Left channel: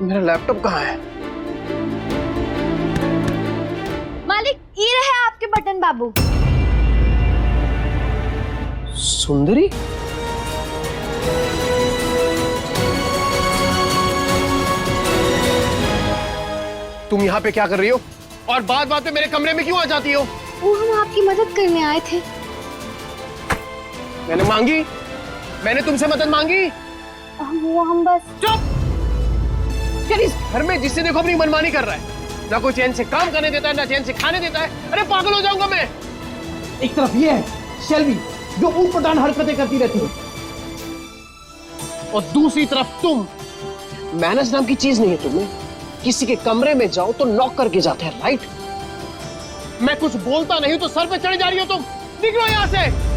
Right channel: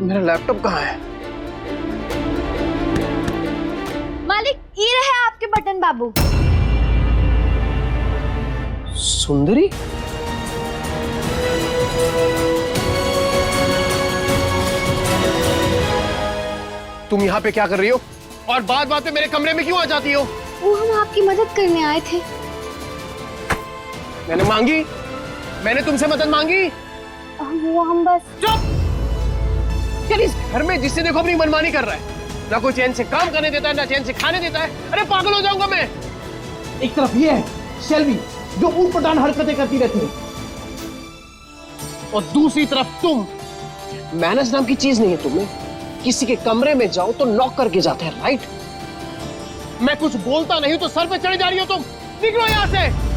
मेरा लैपटॉप कहाँ है? मालिक, ये रहे आपके बटन बाबू। सुंदरी, तुम यहाँ पे क्या कर रही हो? और बात बात पे मेरे कमरे में क्यों आ जाती हो? वो हम आपकी मदद करने आए थे। मैंने मांगी? मैंने तुमसे मदद मांगी? हम बस। चुप! यार इस घर में जिससे देखो अपनी मनमानी कर रहा है, ना कोई चैन से काम करने देता है, ना चैन से खाने देता है। अरे पागल हो जाऊंगा मैं। एक तरफ ये है शेल्वी जो ऊटपटांग हरकतें करती रहती है, और दूसरी तरफ तुम। मैनर्स नाम की चीज नहीं है तुम्हें। किसी के कमरे में जाओ तो नॉक करके जाते हैं, राइट? मैं कुछ बोलता नहीं तो सर पे चढ़े जा रही हो तुम। निकलो यहां से।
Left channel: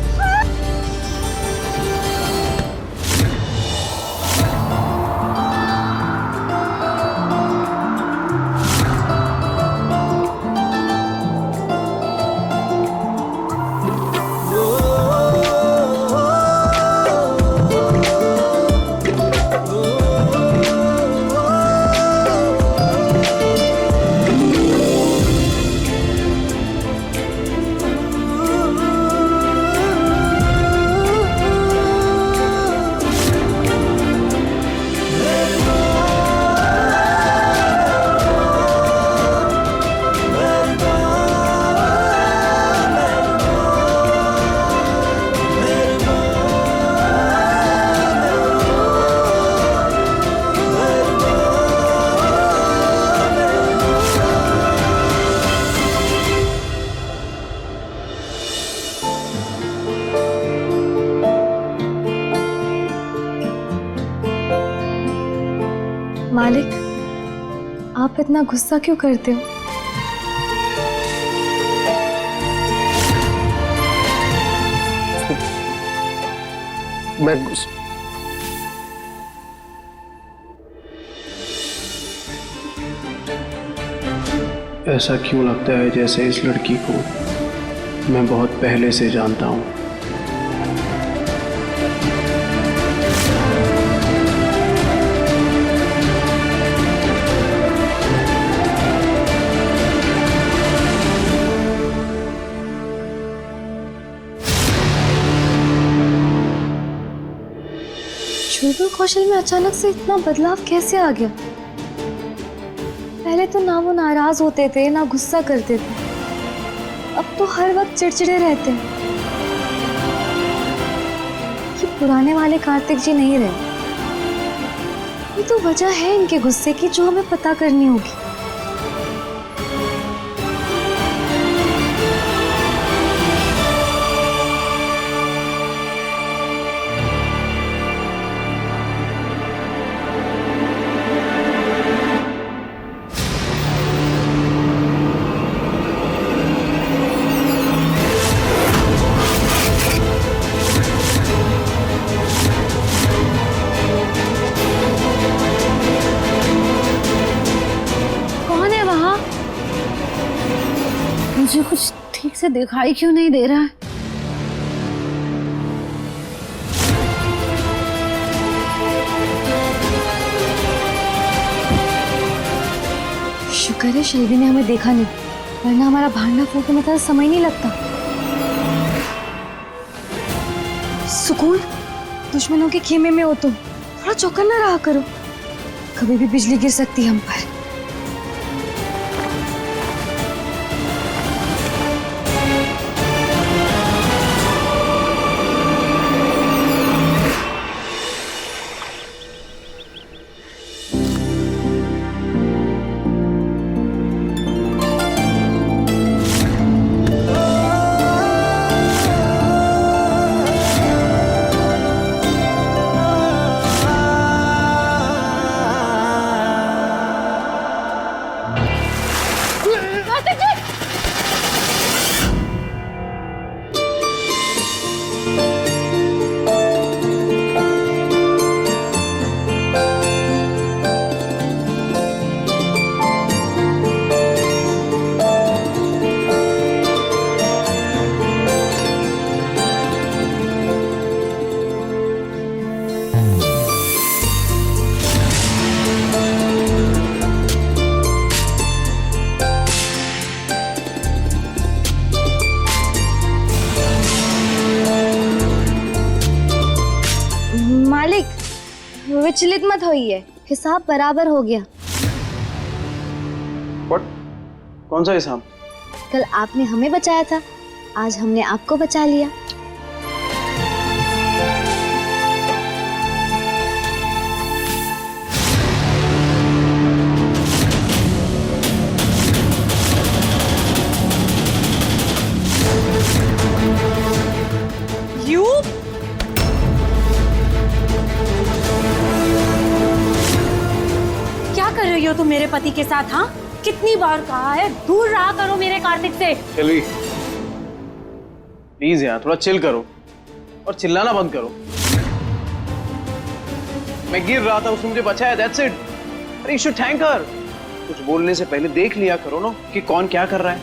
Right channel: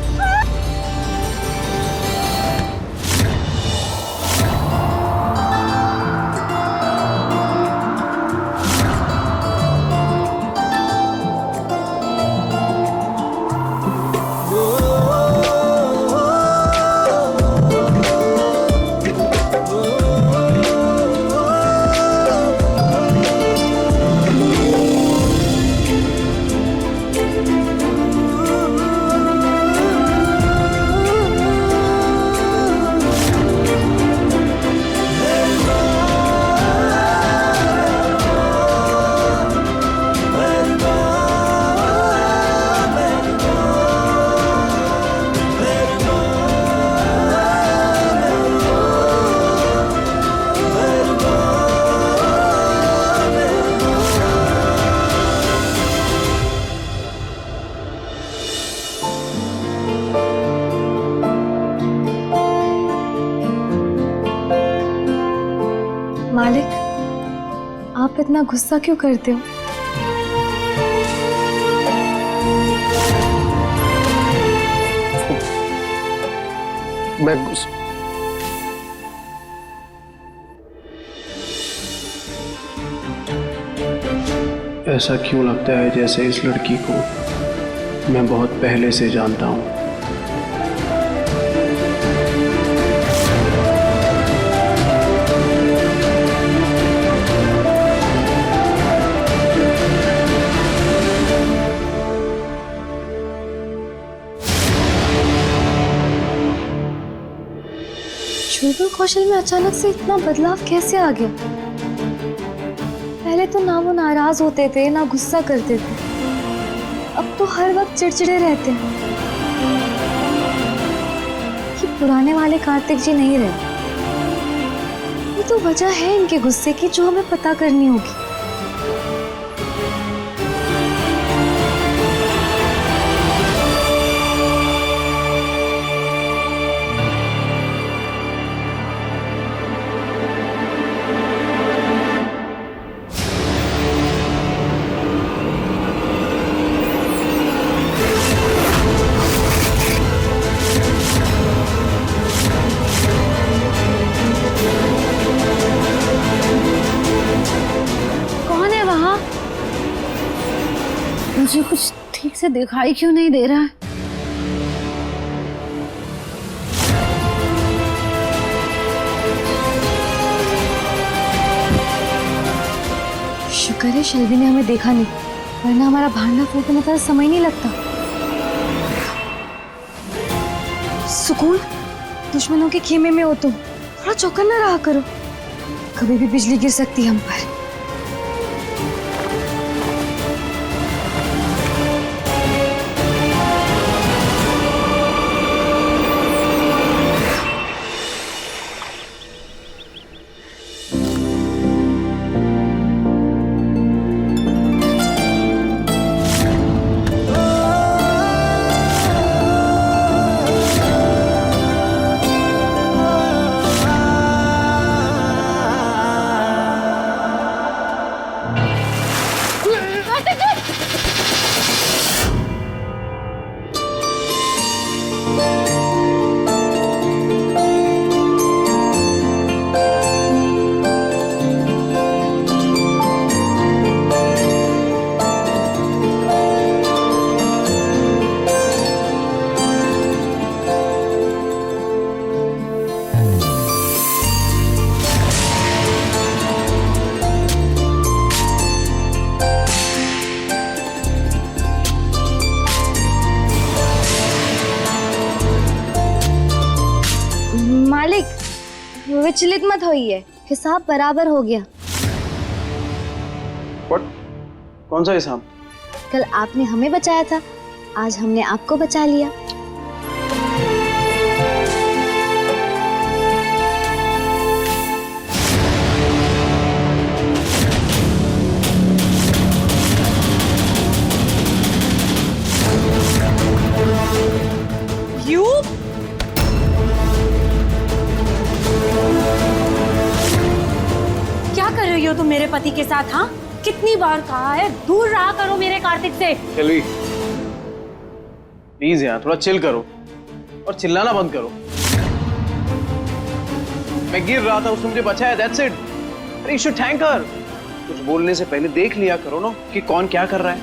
मालिक, आप इतना गुस्सा क्यों करते हो? मैं ऐसा क्यों लगता है जैसे इस लड़की को मैं बहुत पहले से जानता हूं। शुभ कौशल में अचानक से इतना बदलाव कैसे आ गया? पहले तो ना वो नाराज होते थे ना गुस्सा करते थे, अब तो हर वक्त चिड़चिड़े रहते हैं। ये पुराने वाले कार्तिक जी नहीं रहे। ये तो वजह है इनके गुस्से की जो हमें पता करनी होगी। मुझे कुछ ठीक से दिखाई क्यों नहीं दे रहा है? शुक्र है शेल्वी ने हमें देखा नहीं, वरना हमारा भांडा फूटने में तो समय नहीं लगता। सुकून, दुश्मनों के खेमे में हो तुम, थोड़ा चौकन्ना रहा करो। कभी भी बिजली गिर सकती है हम पर। विचलित मत होइए, हिसाब बराबर हो गया। What? कौन सा हिसाब? कल आपने हमें बचाया था, आज हमने आपको बचा लिया। यू क्या कर रही हो तुम मेरे पति के साथ? हाँ, कितनी बार कहा है दूर रहा करो मेरे कार्तिक से। शेल्वी, प्लीज यार थोड़ा चिल करो और चिल्लाना बंद करो। मैं गिर रहा था, उसने मुझे बचाया, दैट्स इट। अरे यू शुड थैंक हर। कुछ बोलने से पहले देख लिया करो ना कि कौन क्या कर रहा है।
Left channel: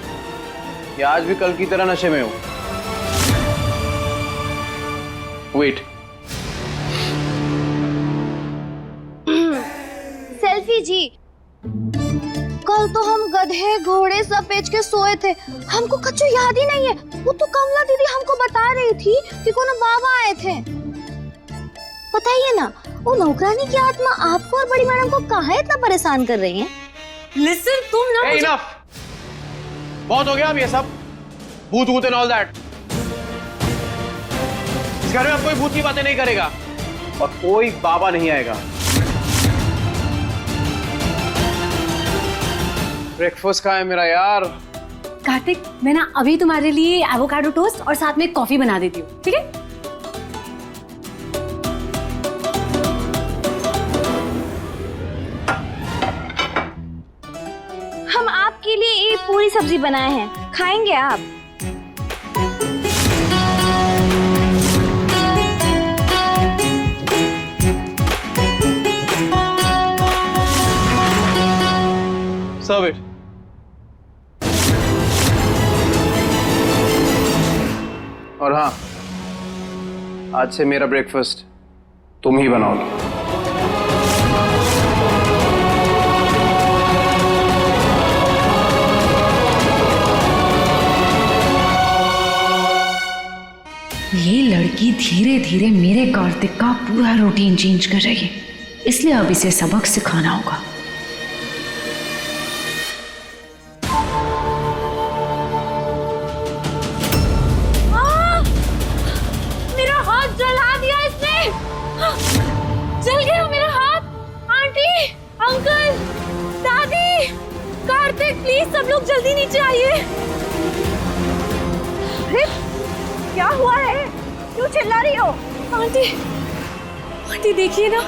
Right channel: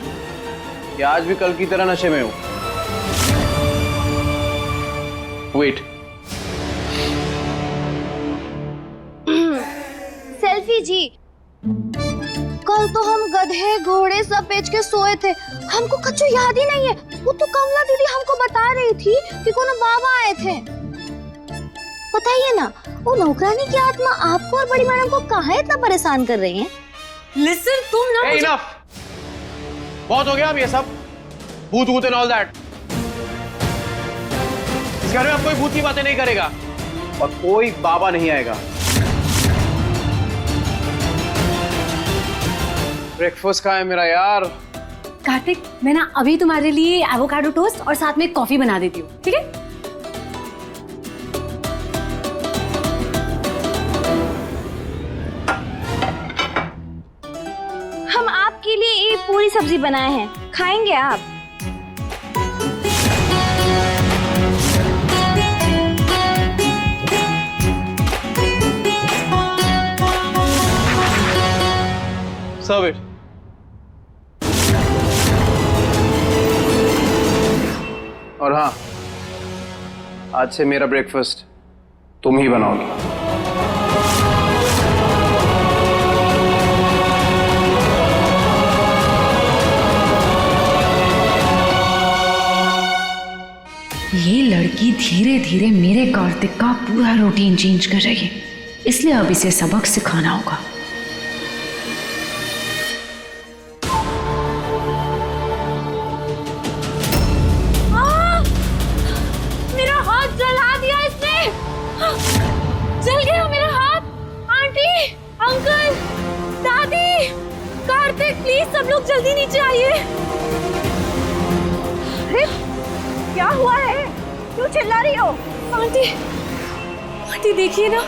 या आज भी कल की तरह नशे में हो? वेट, सेल्फी जी, कल तो हम गधे घोड़े सब बेच के सोए थे, हमको कच्चू याद ही नहीं है। वो तो कमला दीदी हमको बता रही थी कि कोनो बाबा आए थे। बताइए ना, वो नौकरानी की आत्मा आपको और बड़ी मैडम को काहे इतना परेशान कर रही है? लिसन, तुम ना hey, enough! बहुत हो गया अब ये सब भूत भूत एंड ऑल दैट। इस घर में अब कोई भूत की बातें नहीं करेगा और कोई बाबा नहीं आएगा। ब्रेकफास्ट कहाँ है मेरा यार? कार्तिक, मैं ना अभी तुम्हारे लिए एवोकाडो टोस्ट और साथ में कॉफी बना देती हूँ, ठीक है? हम आपके लिए ये पूरी सब्जी बनाए हैं, खाएंगे आप? Serve it. और हाँ, आज से मेरा ब्रेकफास्ट तुम ही बनाओगे। ये लड़की धीरे धीरे मेरे कार्तिक का पूरा रूटीन चेंज कर रही है, इसलिए अब इसे सबक सिखाना होगा। मेरा हाथ जला दिया इसने। जल गया मेरा हाथ। आंटी, अंकल, दादी, कार्तिक, प्लीज सब लोग जल्दी नीचे आइए। क्या हुआ है? क्यों चिल्ला रही हो? आंटी, आंटी देखिए ना,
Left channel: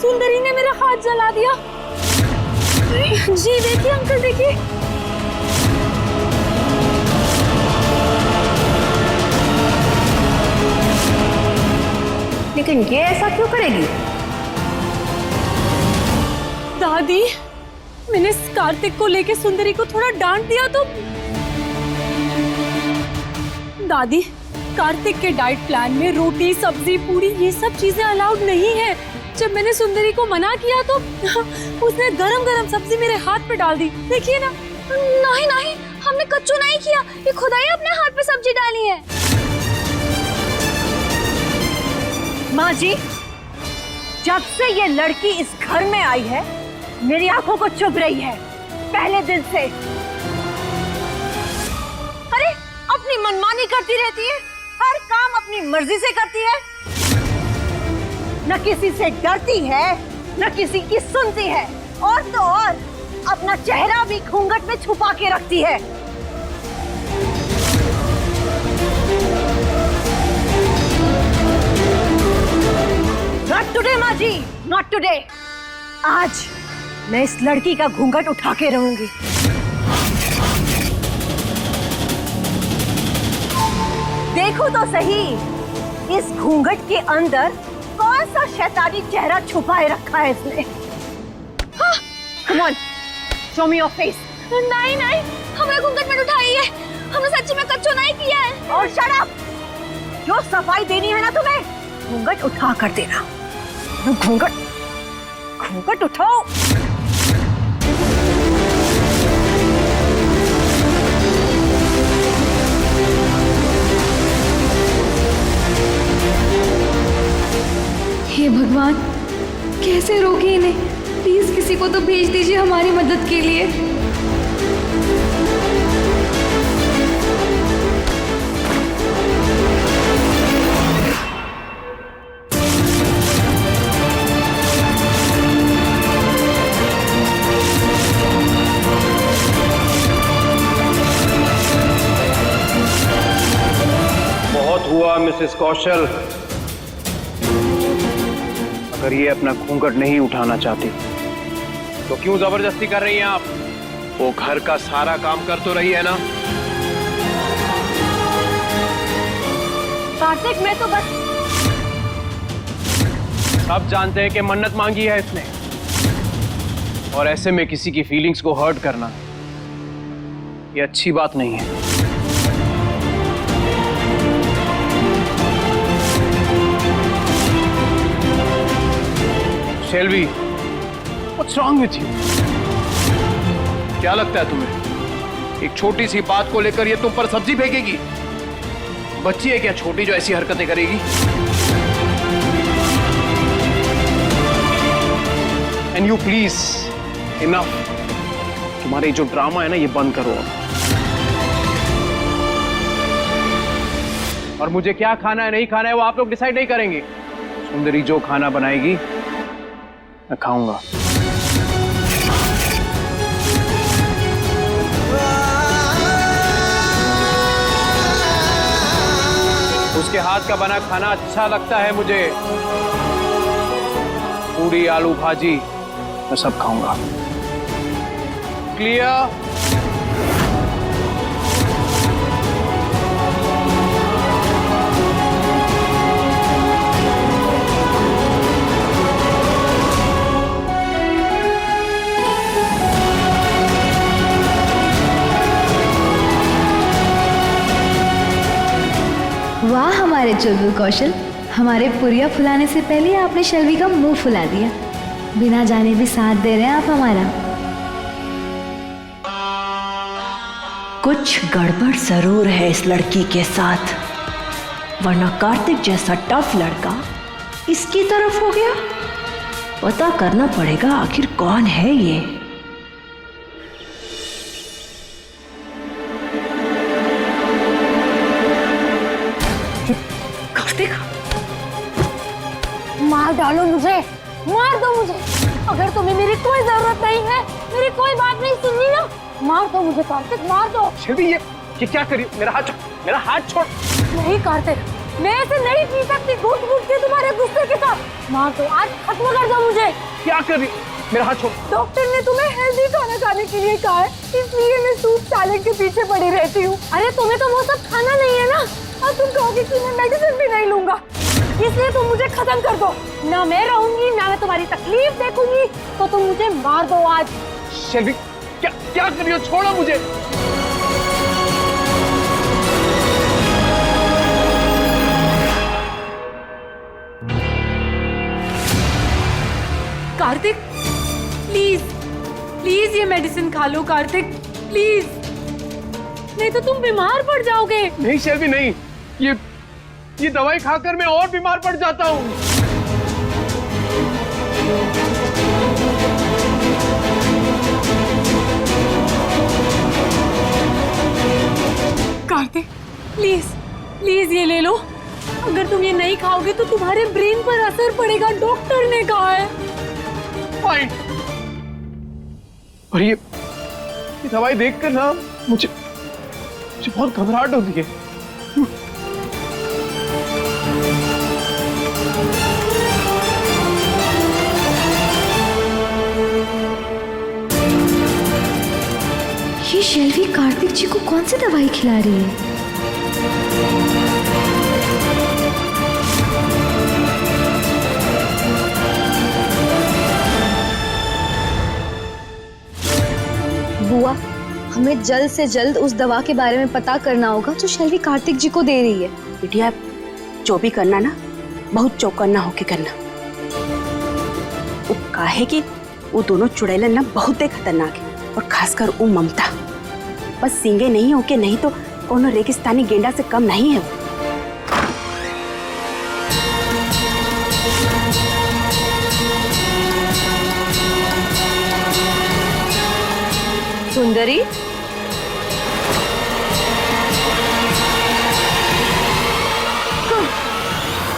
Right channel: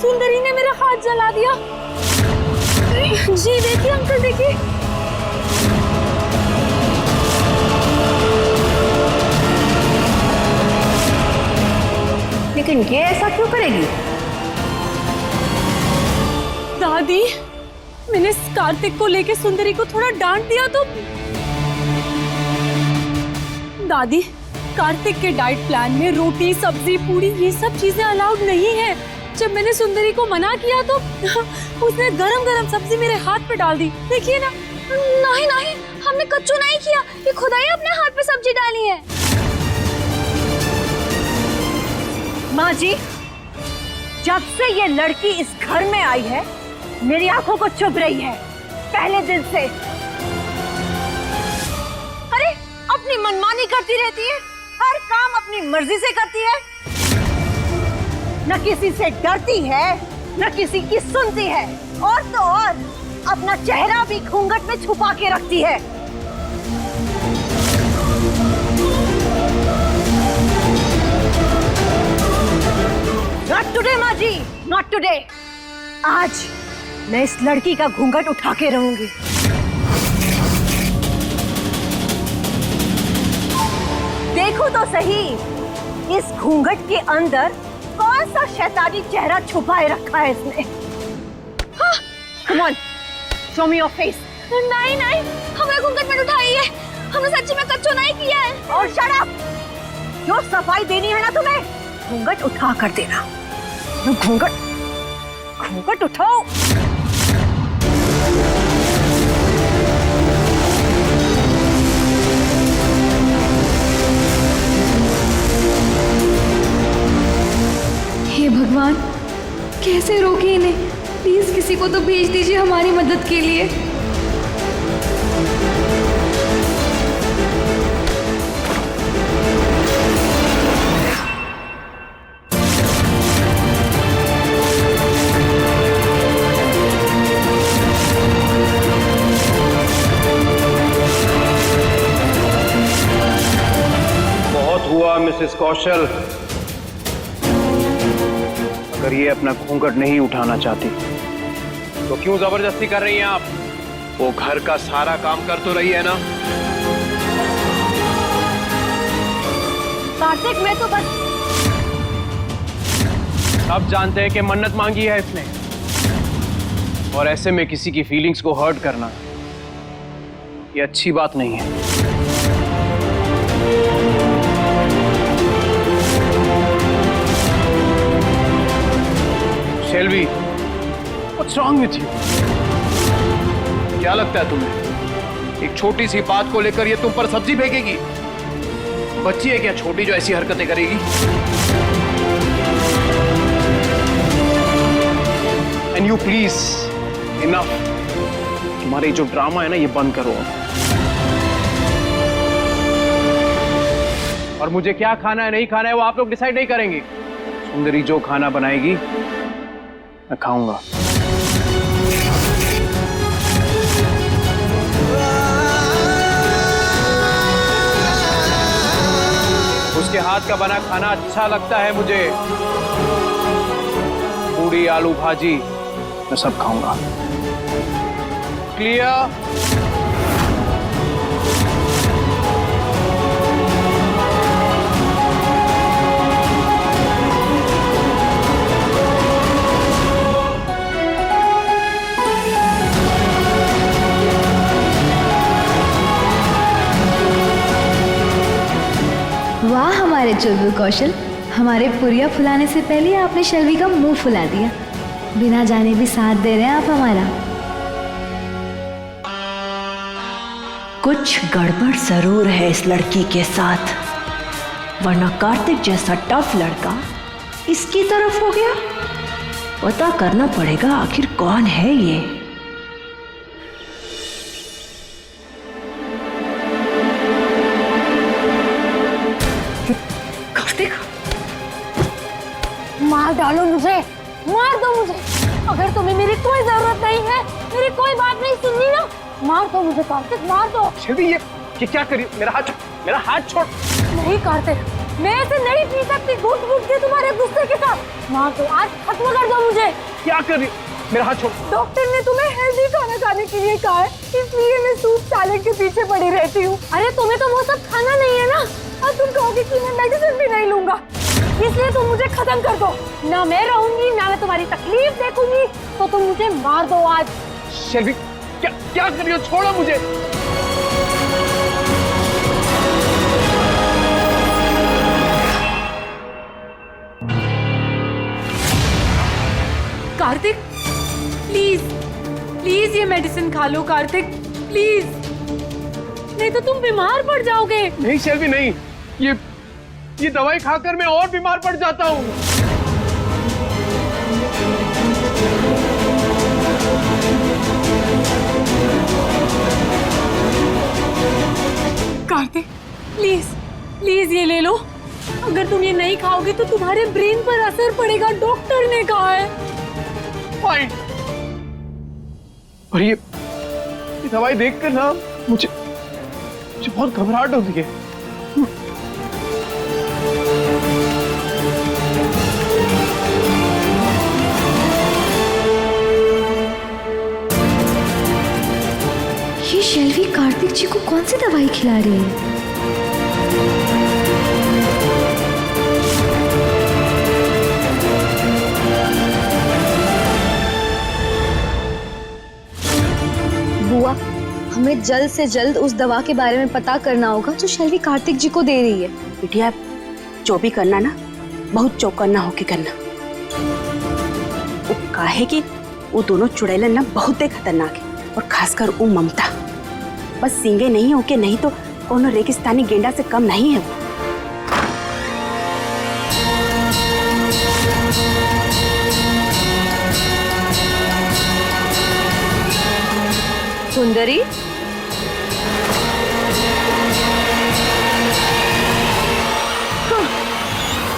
सुंदरी ने मेरा हाथ जला दिया। जी देखिए अंकल, देखिए। लेकिन ये ऐसा क्यों करेगी? दादी, मैंने कार्तिक को लेके सुंदरी को थोड़ा डांट दिया तो दादी, कार्तिक के डाइट प्लान में रोटी, सब्जी, पूरी ये सब चीजें अलाउड नहीं है। जब मैंने सुंदरी को मना किया तो उसने गरम गरम सब्जी मेरे हाथ पे डाल दी। देखिए ना। नहीं नहीं, हमने कच्चू नहीं किया, ये खुदा ही अपने हाथ पे सब्जी डाली है। माँ जी, जब से ये लड़की इस घर में आई है, मेरी आंखों को चुभ रही है, पहले दिन से। अरे, अपनी मनमानी करती रहती है, हर काम अपनी मर्जी से करती है, न किसी से डरती है, न किसी की सुनती है, और तो और अपना चेहरा भी घूंघट में छुपा के रखती है। नॉट टुडे माँ जी, नॉट टुडे। आज मैं इस लड़की का घूंघट उठा के रहूंगी। देखो तो सही, इस घूंघट के अंदर कौन सा शैतानी चेहरा छुपाए रखा है इसने। Come on, show me your face. नहीं नहीं, हमें घूंघट में उठाई है, हमने सच्ची में कच्चू नहीं किया है। और शट अप, जो सफाई देनी है ना तुम्हें, घूंघट उठा कर देना। घूंघट, घूंघट उठाओ। हे भगवान, कैसे रोके इन्हें? प्लीज किसी को तो भेज दीजिए हमारी मदद के लिए। बहुत हुआ मिसेस कौशल। अगर ये अपना घूंघट नहीं उठाना चाहती तो क्यों जबरदस्ती कर रही हैं आप? वो घर का सारा काम कर तो रही है ना। कार्तिक, मैं तो बस सब जानते हैं कि मन्नत मांगी है इसने, और ऐसे में किसी की फीलिंग्स को हर्ट करना ये अच्छी बात नहीं है। शेल्वी, what's wrong with you? क्या लगता है तुम्हें एक छोटी सी बात को लेकर ये तुम पर सब्जी फेंकेगी? बच्ची है क्या छोटी जो ऐसी हरकतें करेगी? And you please, enough. तुम्हारे जो ड्रामा है ना ये बंद करो अब। और मुझे क्या खाना है नहीं खाना है वो आप लोग डिसाइड नहीं करेंगे। सुंदरी जो खाना बनाएगी मैं खाऊंगा। उसके हाथ का बना खाना अच्छा लगता है मुझे। पूरी, आलू भाजी मैं सब खाऊंगा। क्लियर? वाह हमारे चुलबुल कौशल, हमारे पुरिया फुलाने से पहले आपने शेल्वी का मुंह फुला दिया। बिना जाने भी साथ दे रहे हैं आप हमारा। कुछ गड़बड़ जरूर है इस लड़की के साथ, वरना कार्तिक जैसा टफ लड़का इसकी तरफ हो गया। पता करना पड़ेगा आखिर कौन है ये। कार्तिक, मार डालो मुझे, मार दो मुझे। अगर तुम्हें मेरी कोई जरूरत नहीं है, मेरी कोई बात नहीं सुननी ना, मार दो मुझे कार्तिक, मार दो। शेल्वी, ये क्या करी? मेरा हाथ छोड़, मेरा हाथ छोड़। नहीं कार्तिक, मैं ऐसे नहीं पी सकती घुट घुट के तुम्हारे गुस्से के साथ। मार दो, आज खत्म कर दो मुझे। क्या कर रही? मेरा हाथ छोड़। डॉक्टर ने तुम्हें हेल्दी खाना खाने के लिए कहा है, इसलिए मैं सूप सैलेड के पीछे पड़ी रहती हूँ। अरे तुम्हें तो वो सब खाना नहीं है ना, और तुम कहोगे कि मैं मेडिसिन भी नहीं लूंगा, इसलिए तुम मुझे खत्म कर दो। ना मैं रहूंगी, ना मैं तुम्हारी तकलीफ देखूंगी, तो तुम मुझे मार दो आज। शेल्वी, क्या कर रही हो? छोड़ो मुझे। कार्तिक, प्लीज प्लीज ये मेडिसिन खा लो कार्तिक, प्लीज, नहीं तो तुम बीमार पड़ जाओगे। नहीं शेल्वी, नहीं, ये दवाई खाकर मैं और बीमार पड़ जाता हूँ। कार्तिक, प्लीज प्लीज ये ले लो। अगर तुम ये नहीं खाओगे तो तुम्हारे ब्रेन पर असर पड़ेगा, डॉक्टर ने कहा है। फाइन। और ये दवाई देखकर ना मुझे बहुत घबराहट होती है। ये शेल्वी कार्तिक जी को कौन सी दवाई खिला रही है? बुआ, हमें जल्द से जल्द उस दवा के बारे में पता करना होगा जो शेल्वी कार्तिक जी को दे रही है। बिटिया, जो भी करना ना बहुत चौकन्ना होके करना। वो काहे कि वो दोनों चुड़ैलन ना बहुत खतरनाक है, और खासकर वो ममता, बस सींगे नहीं होके नहीं तो कोनो रेगिस्तानी गेंडा से कम नहीं है वो। सुंदरी, हाँ,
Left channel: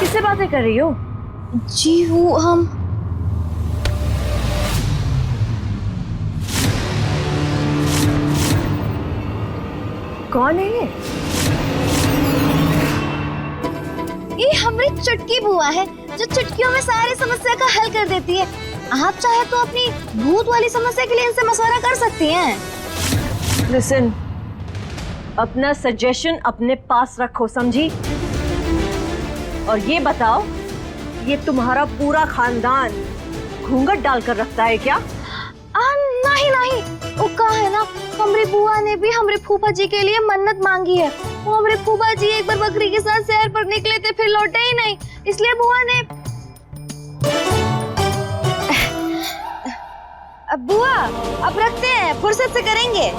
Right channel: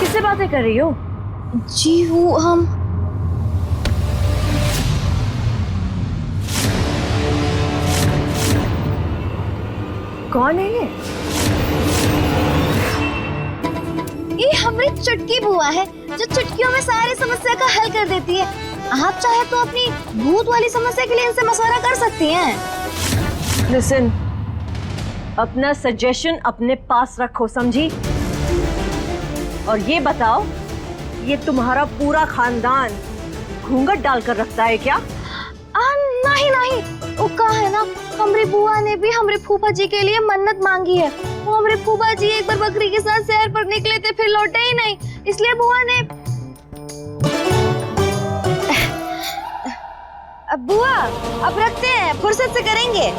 किससे बातें कर रही हो? जी वो हम कौन है ये हमारी चुटकी बुआ है जो चुटकियों में सारी समस्या का हल कर देती है। आप चाहे तो अपनी भूत वाली समस्या के लिए इनसे मशवरा कर सकती हैं। लिसन, अपना सजेशन अपने पास रखो, समझी? और ये बताओ, ये तुम्हारा पूरा खानदान घूंघट डालकर रखता है क्या? नहीं नहीं, वो कहा है ना, हमारी बुआ ने भी हमारे फूफा जी के लिए मन्नत मांगी है। वो हमारे फूफा जी एक बार बकरी के साथ सैर पर निकले थे, फिर लौटे ही नहीं, इसलिए बुआ ने अब बुआ अब रखते हैं, फुर्सत से करेंगे।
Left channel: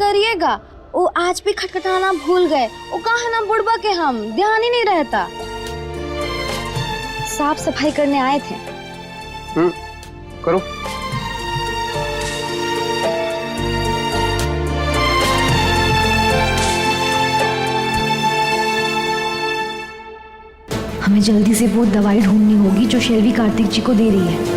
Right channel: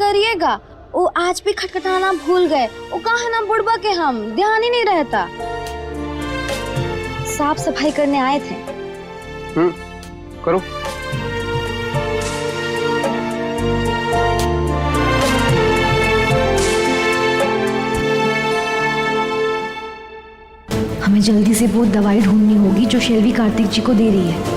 करिएगा, वो आज भी खटखटाना भूल गए। वो कहा है ना बुढ़बा के, हम ध्यान ही नहीं रहता। साफ सफाई करने आए थे। करो। हमें जल्दी से वो दवाई ढूंढनी होगी जो शेल्वी कार्तिक जी को दे रही है।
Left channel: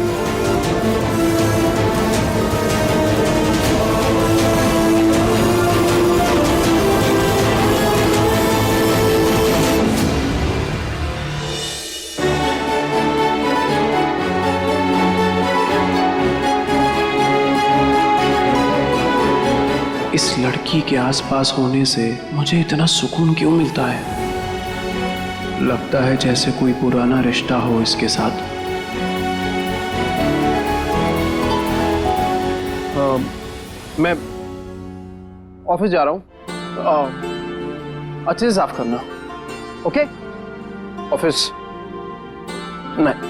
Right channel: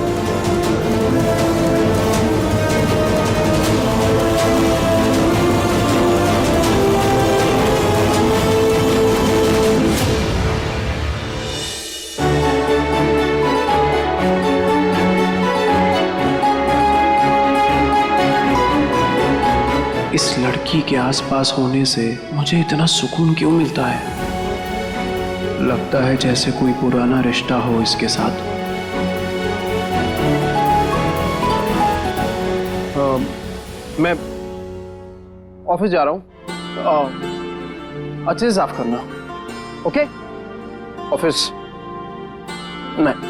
इस लड़की के आसपास होने से मुझे इतना सुकून क्यों मिलता है? लगता है जैसे कोई पुराना रिश्ता हो इसके साथ। मैं ऑफिस जा रहा हूँ, अच्छे से साफ करना। ओके? ऑफिस नहीं।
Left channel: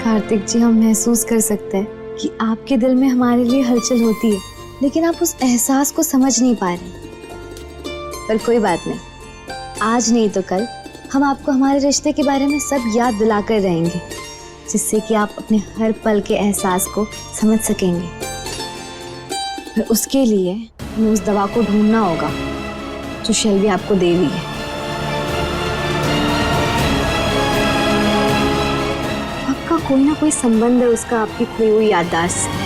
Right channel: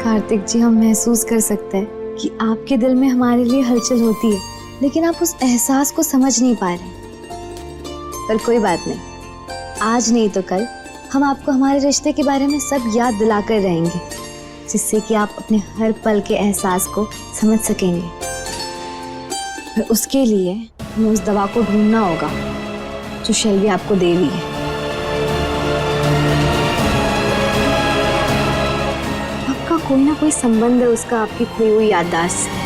कार्तिक जी, हम महसूस कर सकते हैं कि आपके दिल में हमारे लिए हलचल होती है, लेकिन आप उस एहसास को समझ नहीं पा रहे। पर कोई बात नहीं, आज नहीं तो कल हम आपको हमारे रिश्ते के बारे में सब याद दिलाकर रहेंगे, जिससे कि आप अपने हर पल के एहसास को समझ सकेंगे। पर उसके लिए हमें उस दवा को ढूंढना होगा जो शेल्वी आपको दे रही है। पक्का कोई ना कोई संबंध है उसका आपकी खोई हुई याददाश्त से।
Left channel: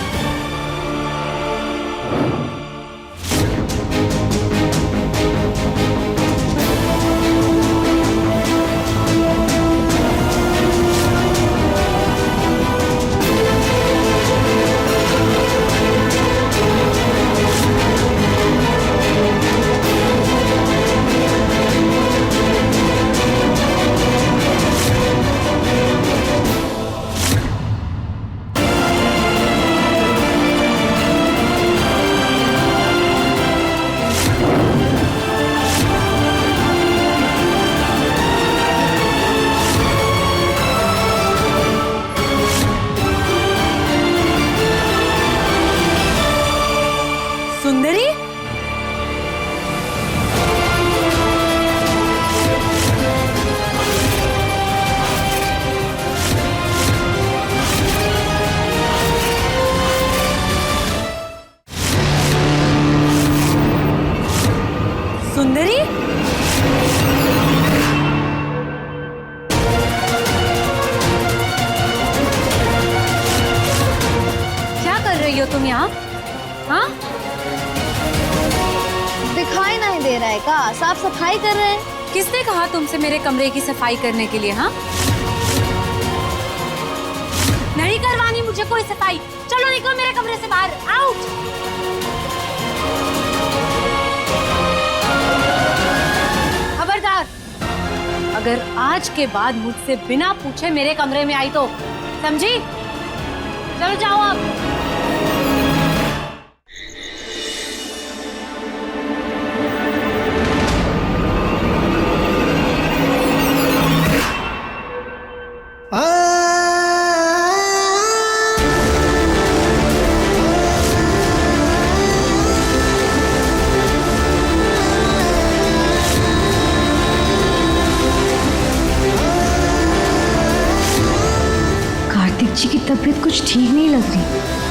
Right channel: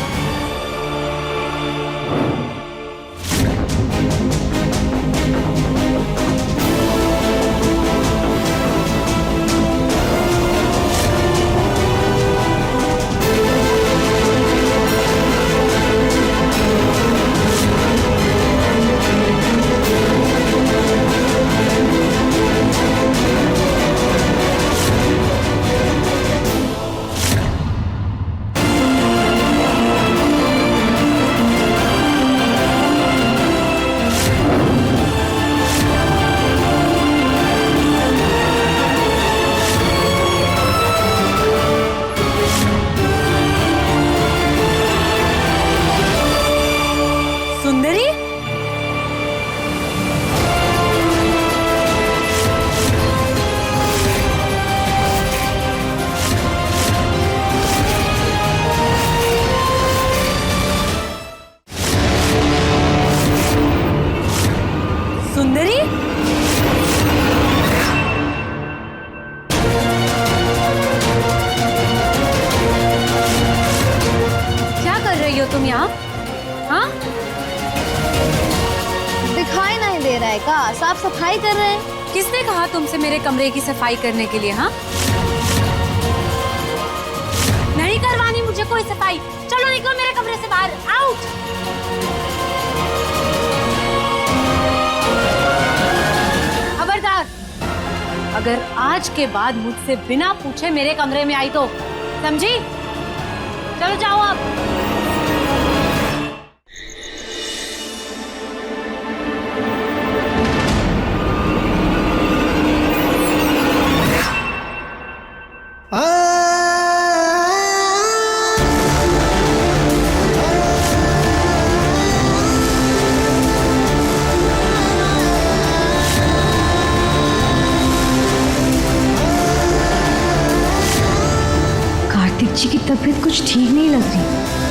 रही हो तुम यहाँ? हाँ? दिखाई नहीं दे रहा है का? साफ सफाई कर रहे हैं। किसने कहा तुमसे मेरे कमरे की सफाई करने के लिए? हाँ, नहीं करवानी मुझे कोई सफाई। चलो निकलो मेरे कमरे से बाहर, आउट। खबरदार, अगर आज के बाद मुझसे बिना पूछे मेरे कमरे में आई तो समझी? चलो जाओ अब। कार्तिक जी की तबीयत कुछ ठीक नहीं लग रही।